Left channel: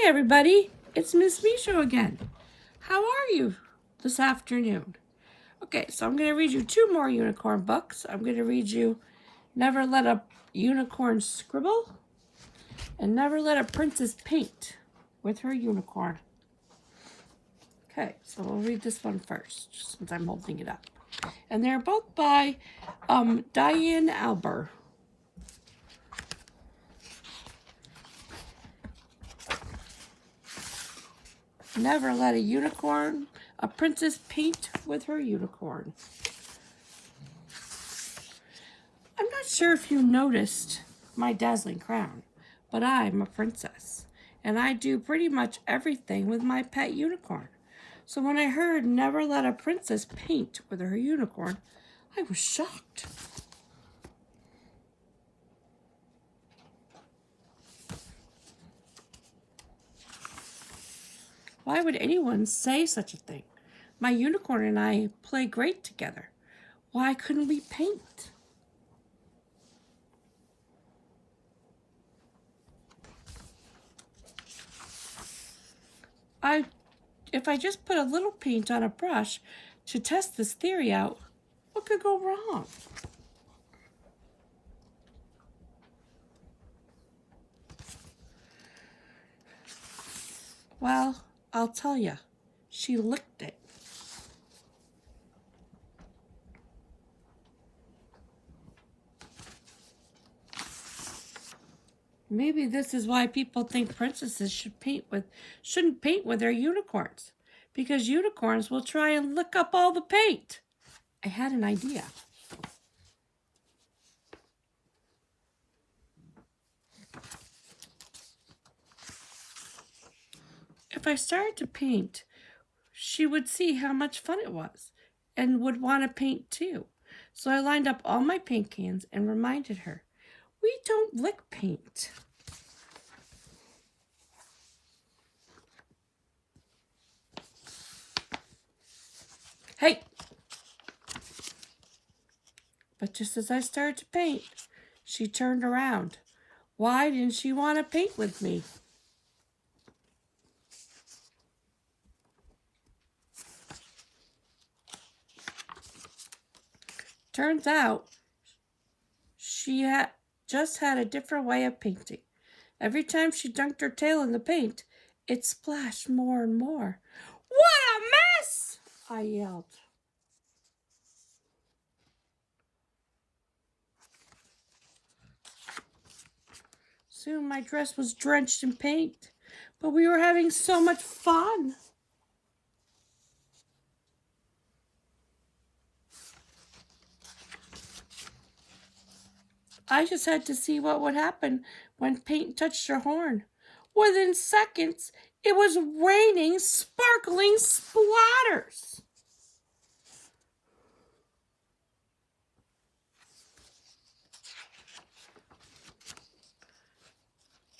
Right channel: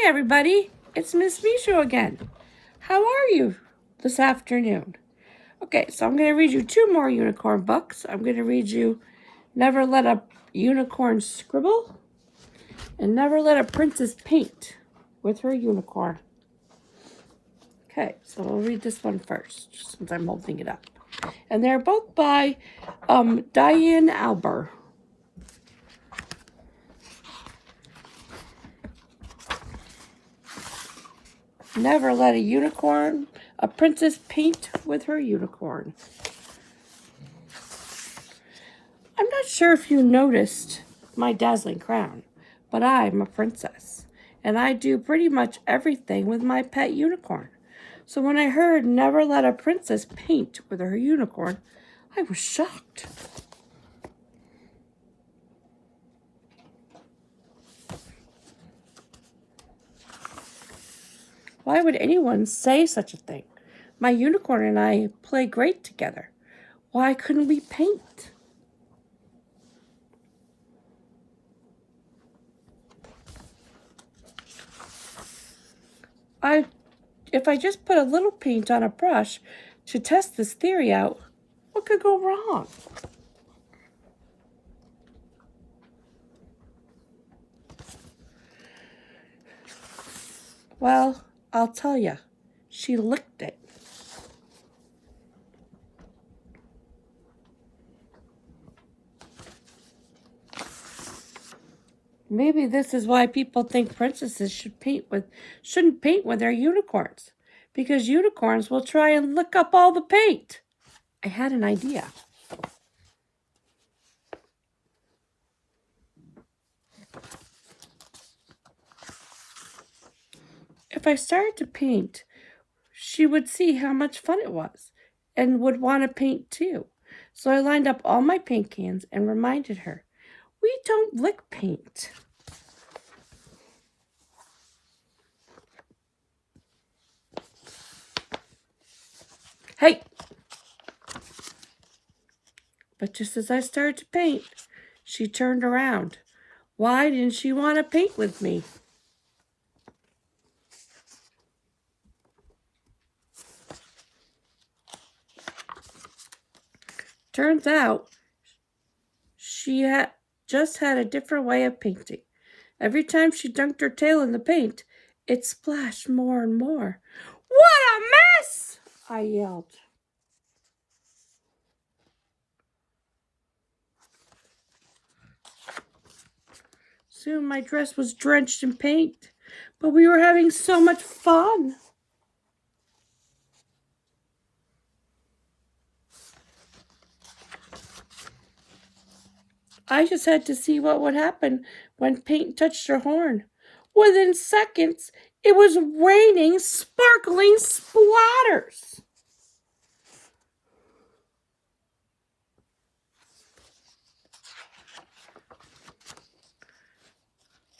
Hi everybody, it's Miss Mishu again. How are you this afternoon? Okay, so I'm going to read you two more unicorn books. I'm going to read you Never Let a Unicorn Scribble and Never Let a Princess Paint with Her Unicorn. Okay, so we'll read this one first since I'm holding it up. And they're both by Diane Albert. Never let a princess paint with her unicorn. I'm not sure if you noticed my dazzling crown, but I'm a princess, and I do pretty much everything with my pet unicorn. So when I heard never let a princess paint with her unicorn, I was shocked. Why would anyone say such a thing? My unicorn and I play great together. Why couldn't we paint? If I just put a little paint on a brush to test this theory out, what could go wrong? Well, I'll tell you, she licked it. Maybe this is why people think princesses shouldn't paint with their unicorns, because unicorns will try and lick up all the paint. I had an idea. If I started to paint, she would see how much fun it was and would want to paint too. So I lined up all my paint cans and reminded her, we don't lick paint. Hey! But just as I started to paint, she turned around. Why didn't she want to paint with me? Turns out she just had a different way of painting. Every time she dunked her tail in the paint, it splashed more and more. What a mess! I yelled. Soon my dress was drenched in paint, but we were having so much fun. I just had to see what would happen when paint touched her horn. Within seconds, it was raining sparkling splatters.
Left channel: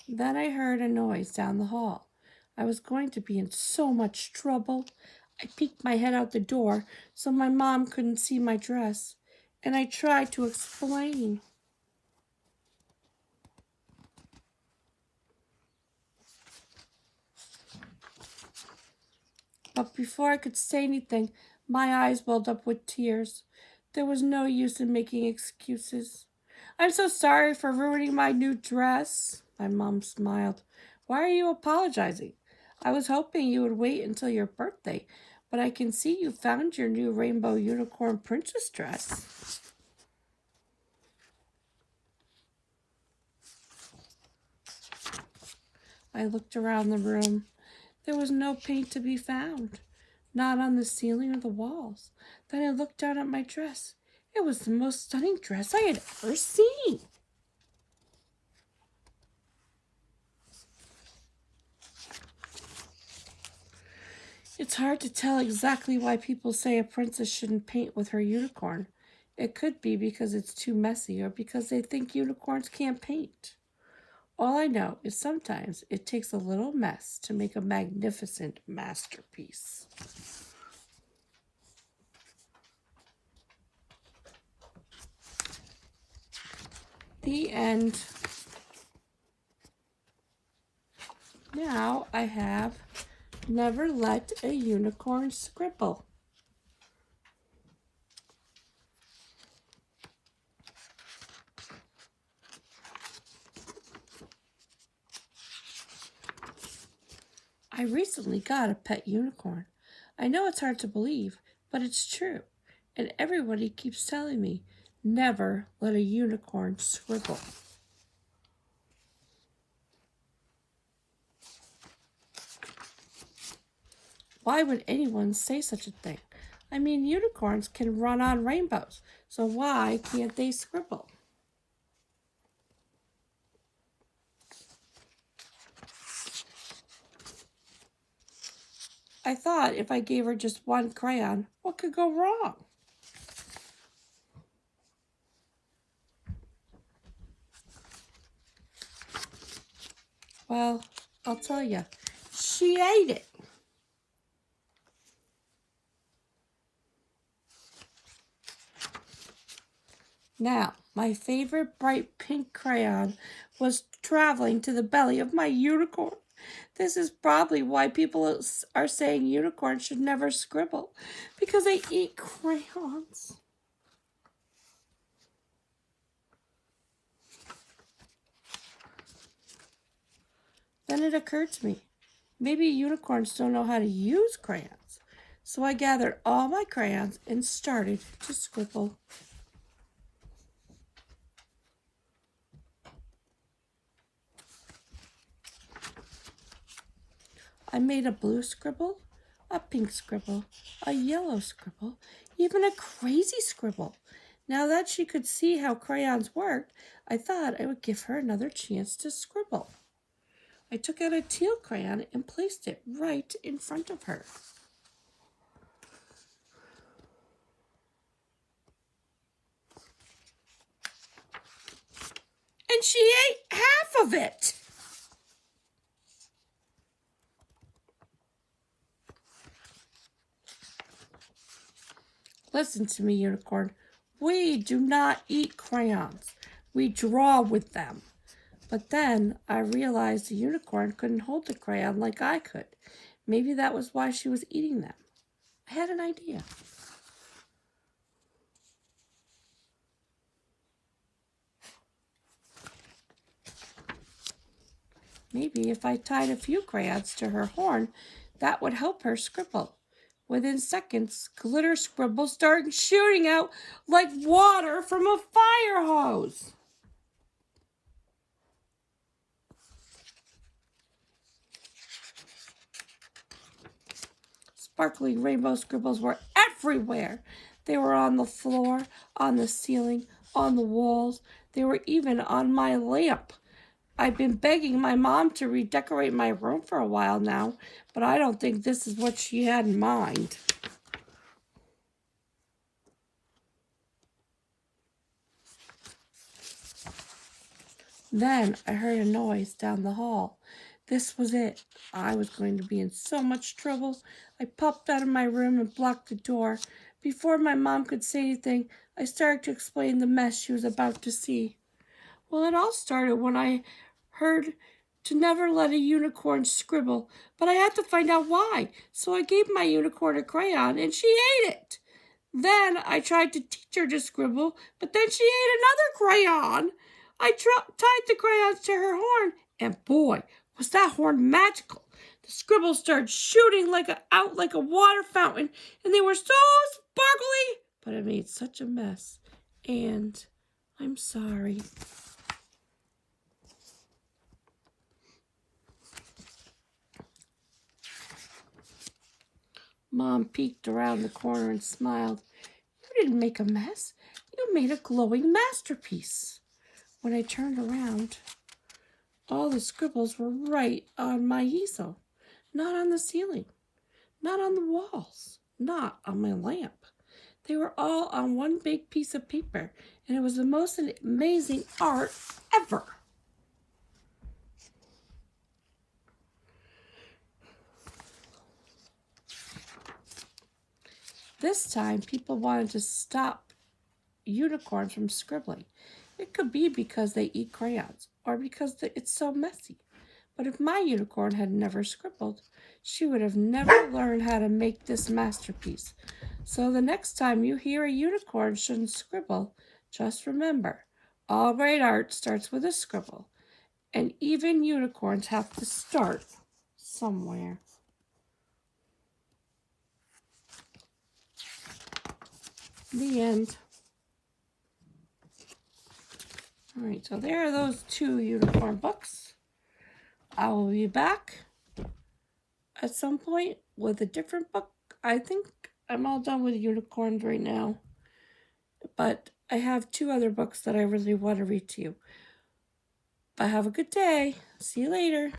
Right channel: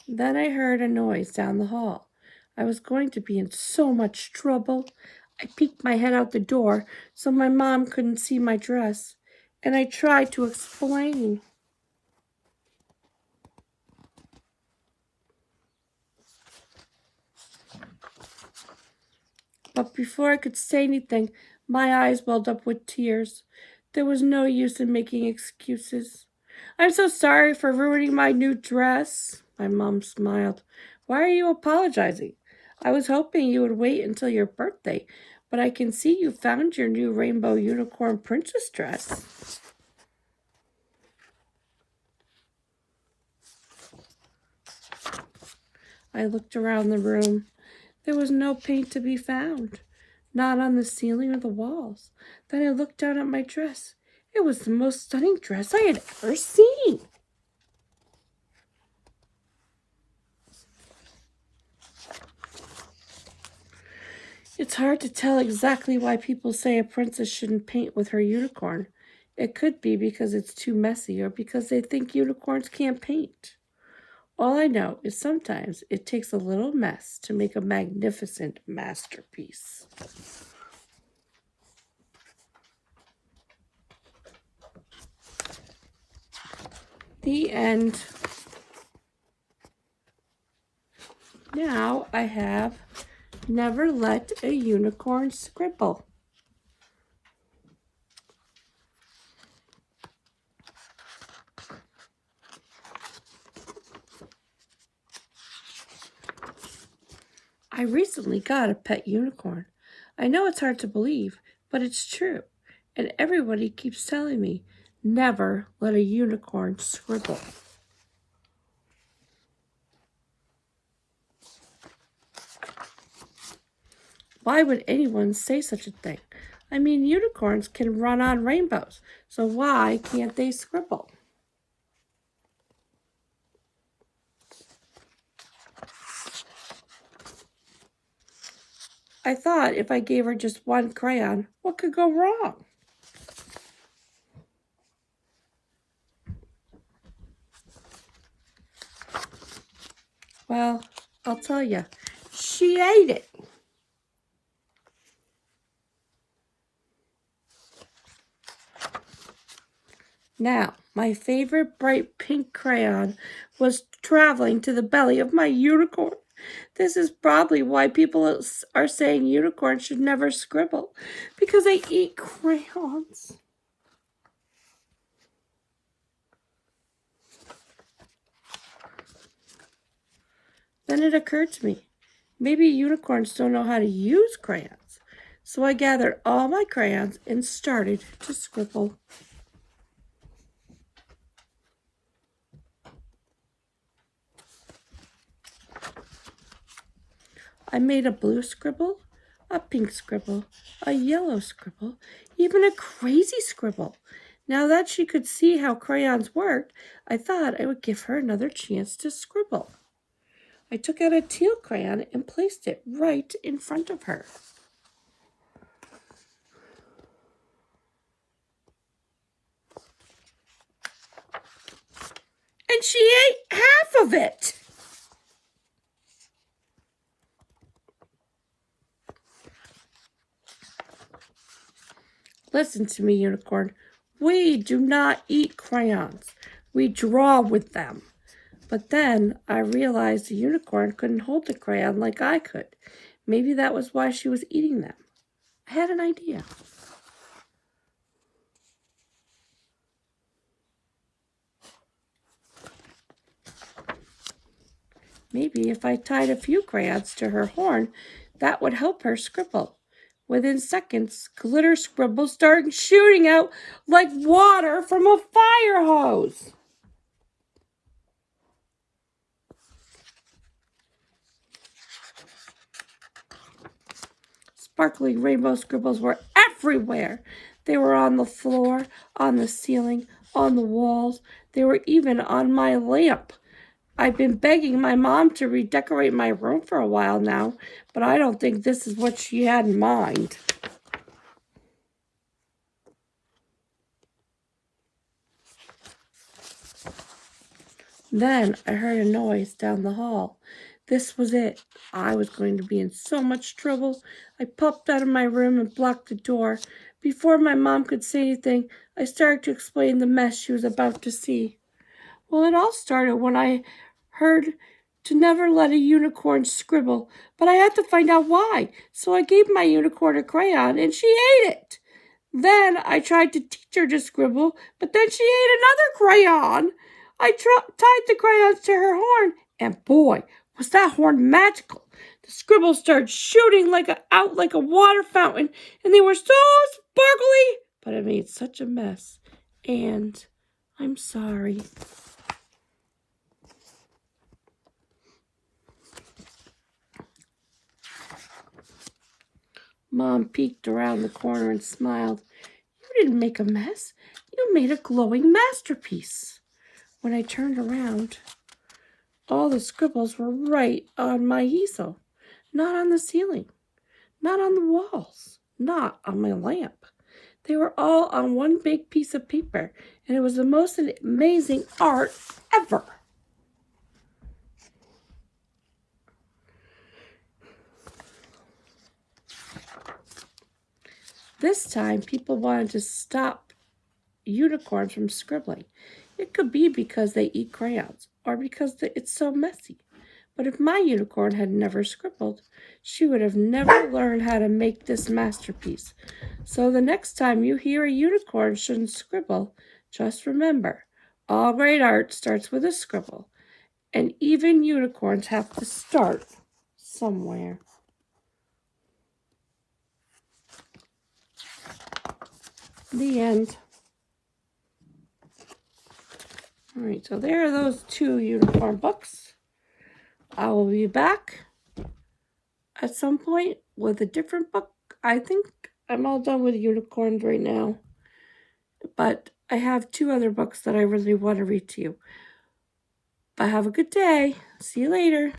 Then I heard a noise down the hall. I was going to be in so much trouble. I peeked my head out the door so my mom couldn't see my dress, and I tried to explain. But before I could say anything, my eyes welled up with tears. There was no use in making excuses. I'm so sorry for ruining my new dress. My mom smiled. Why are you apologizing? I was hoping you would wait until your birthday, but I can see you found your new rainbow unicorn princess dress. I looked around the room. There was no paint to be found, not on the ceiling or the walls. Then I looked down at my dress. It was the most stunning dress I had ever seen. It's hard to tell exactly why people say a princess shouldn't paint with her unicorn. It could be because it's too messy or because they think unicorns can't paint. All I know is sometimes it takes a little mess to make a magnificent masterpiece. The end. Now I have Never Let a Unicorn Scribble. I recently got a pet unicorn. I know it's hard to believe, but it's true. And everybody keeps telling me, never let a unicorn scribble. Why would anyone say such a thing? I mean, unicorns can run on rainbows, so why can't they scribble? I thought if I gave her just one crayon, what could go wrong? Well, I'll tell you, she ate it. Now, my favorite bright pink crayon was traveling to the belly of my unicorn. This is probably why people are saying unicorns should never scribble, because they eat crayons. Then it occurred to me, maybe unicorns don't know how to use crayons. So I gathered all my crayons and started to scribble. I made a blue scribble, a pink scribble, a yellow scribble, even a crazy scribble. Now that she could see how crayons worked, I thought I would give her another chance to scribble. I took out a teal crayon and placed it right in front of her. And she ate half of it. Listen to me, unicorn. We do not eat crayons. We draw with them. But then I realized the unicorn couldn't hold the crayon like I could. Maybe that was why she was eating them. I had an idea. Maybe if I tied a few crayons to her horn, that would help her scribble. Within seconds, glitter scribbles started shooting out like water from a fire hose. Sparkling rainbow scribbles were everywhere. They were on the floor, on the ceiling, on the walls. They were even on my lamp. I've been begging my mom to redecorate my room for a while now, but I don't think this is what she had in mind. Then I heard a noise down the hall. This was it. I was going to be in so much trouble. I popped out of my room and blocked the door. Before my mom could say anything, I started to explain the mess she was about to see. Well, it all started when I heard to never let a unicorn scribble, but I had to find out why. So I gave my unicorn a crayon and she ate it. Then I tried to teach her to scribble, but then she ate another crayon. I tied the crayons to her horn, and boy, was that horn magical. The scribbles started shooting out like a water fountain, and they were so sparkly, but it made such a mess. And I'm sorry. Mom peeked around the corner and smiled. You didn't make a mess. You made a glowing masterpiece. When I turned around, all the scribbles were right on my easel, not on the ceiling, not on the walls, not on my lamp. They were all on one big piece of paper, and it was the most amazing art ever. This time, people wanted to stop unicorns from scribbling. It could be because they eat crayons or because it's so messy. But if my unicorn had never scribbled, she would have never learned how to make this masterpiece. So the next time you hear a unicorn shouldn't scribble, just remember, all great art starts with a scribble. And even unicorns have to start somewhere. The end. Alright, so there are those 2 unicorn books. I will be back at some point with a different book. I think I'm all done with unicorns right now. But I have 2 other books that I really want to read to you. But have a good day. See you later.